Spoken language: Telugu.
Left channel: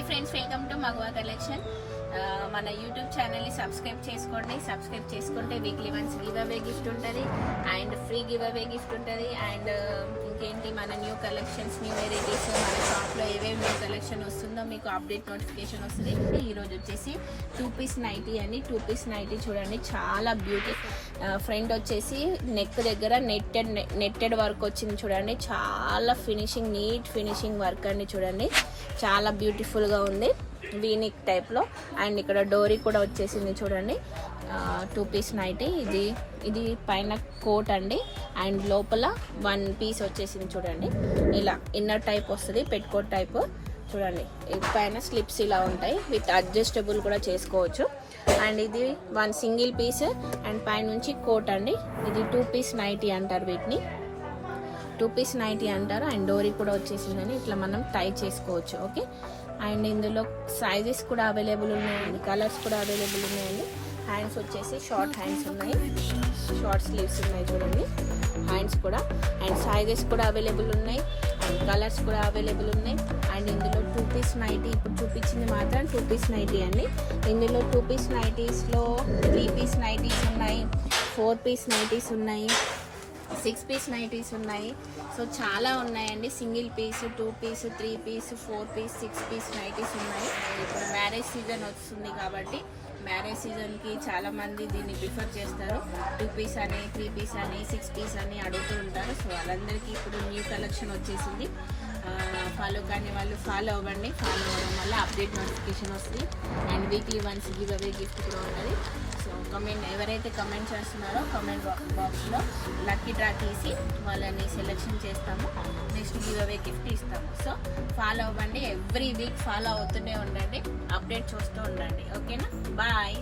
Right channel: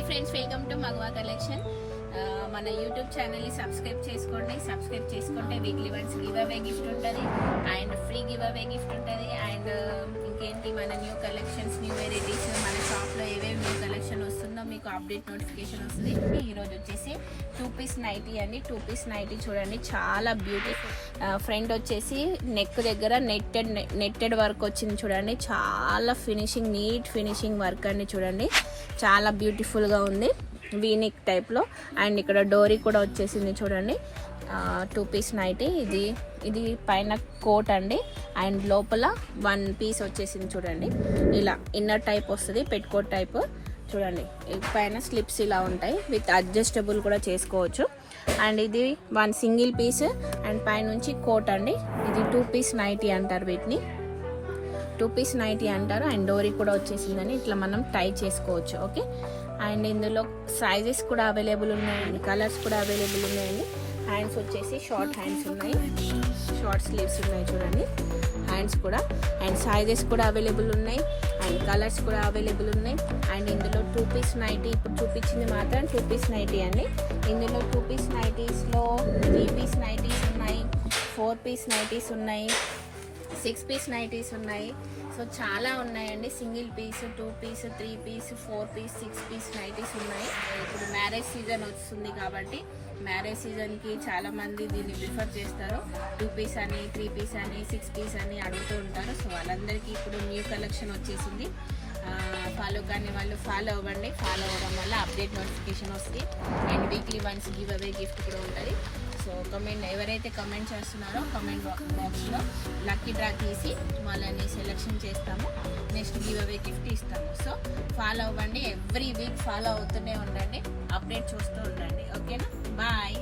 హాయ్ ఫ్రెండ్స్, వెల్కమ్ టు మగవా కలెక్షన్. మన యూట్యూబ్ ఛానల్ని సబ్స్క్రైబ్ చేసుకోండి. సబ్స్క్రైబ్ చేసుకుంటే weekly once giveaway gift ఉంటుంది and free giveaway gift ఉంటుంది. అండ్ ఇంకేంటి మన న్యూ కలెక్షన్స్, న్యూ వెరైటీస్, మన షాప్లో ఏవేవి న్యూ కలెక్షన్ వస్తుందో మీకు అప్డేట్ నోటిఫికేషన్ వస్తుంది. ఈరోజు వచ్చేసి 2 పీస్ నైటీ అండి. 2 పీస్ నైటీ చూడండి, చాలా బ్యూటీ. ఫ్రంట్ వచ్చేసి నెక్ దగ్గర నెట్టెడ్ వర్క్ వచ్చింది చూడండి. చాలా ఫినిషింగ్, నీట్ ఫినిషింగ్ వర్క్ అండి. చూడండి చాలా బ్యూటిఫుల్గా ఉంది, వీనిక్ టైప్లో. అండ్ ఇక్కడ డోరీ కూడా వచ్చేసింది చూడండి. 2 పీస్ నైటీ. ఇది పైన కోట్ అండి అండ్ లోపల 1 పీస్ వచ్చేసింది చూడండి. ఇలా ఇన్నర్ టైప్ వస్తుంది, పెట్ కోట్ టైప్ చూడండి. పైన స్లిప్స్ ఇలా ఉంటాయి, విత్ అడ్జస్టబుల్ కూడా చేసుకోవచ్చు. అండ్ ఇది 1 సింగిల్ పీస్ అండ్ పైనుంచి కోట్ అండి. ఇది 2 పీస్ నైటీ అంటారు, వీటిని 2 పీస్ నైటీ అంటారు. అండ్ డోరీ కూడా వచ్చేసిందని ఇట్లా మనం టై చేసుకోవచ్చు. ఓకే, అండ్ ఇందులో సైజెస్ కూడా అవైలబుల్ ఉన్నాయండి, కలర్స్ కూడా అవైలబుల్ ఉన్నాయండి. హ్యాండ్స్ వచ్చేసి షార్ట్ హ్యాండ్స్ ఉన్నాయి, షార్ట్ స్లీవ్స్ ఉన్నాయి చూడండి. హ్యాండ్స్ కూడా అండ్ సైజెస్ కూడా అవైలబుల్ ఉన్నాయి అండ్ కలర్స్ కూడా అవైలబుల్ ఉన్నాయి. అండ్ ఇందులో 2 పీస్ నైటీ ఇప్పుడు చూపించింది మాత్రం 2 పీస్ నైటీ అండి. ఇందులో 2 పీస్ నైటీస్లో 3 పీస్ నైటీస్ ఉన్నాయి, 4 పీస్ నైటీస్ ఉన్నాయి, 6 పీస్ నైటీస్ ఉన్నాయి. సో చాలా ఉన్నాయండి. Single piece, 2 piece, 3 piece, 4 piece, 6 piece nighties ఉన్నాయి. ఇప్పుడు మ్యారేజ్ సీజన్ వస్తుంది కాబట్టి మ్యారేజ్ సీజన్కి చాలామంది దీన్ని ప్రిఫర్ చేస్తారు. 2 పీస్ అని, 3 పీస్ అని, 6 పీస్ అని అడుగుతూ ఉంటారు. సో వాళ్ళందరికీ ఇప్పుడు న్యూ కలెక్షన్ వచ్చేసింది. ఫాలో కానీ వాళ్ళు ఫాలో అవ్వండి. ఫాలో అవ్వడం వల్ల అప్డేట్ నోటిఫికేషన్ వస్తుంది and weekly once giveaway gift కూడా ఉంటుంది. సో ఎవరైతే కమెంట్ చేస్తున్నారో కమెంట్ బాక్స్లో లక్కీ డ్రా తీసి వాళ్ళని సెలెక్షన్ చేస్తాము. నెక్స్ట్ గివ్ అవే గిఫ్ట్ ఇస్తాము. సో ఫాలో అవ్వండి, ఎవ్రీ వీక్ ఫాలో అవుతూనే ఉండండి, అప్డేట్ చూస్తూ ఉండండి. ఓకేనా, బాయ్.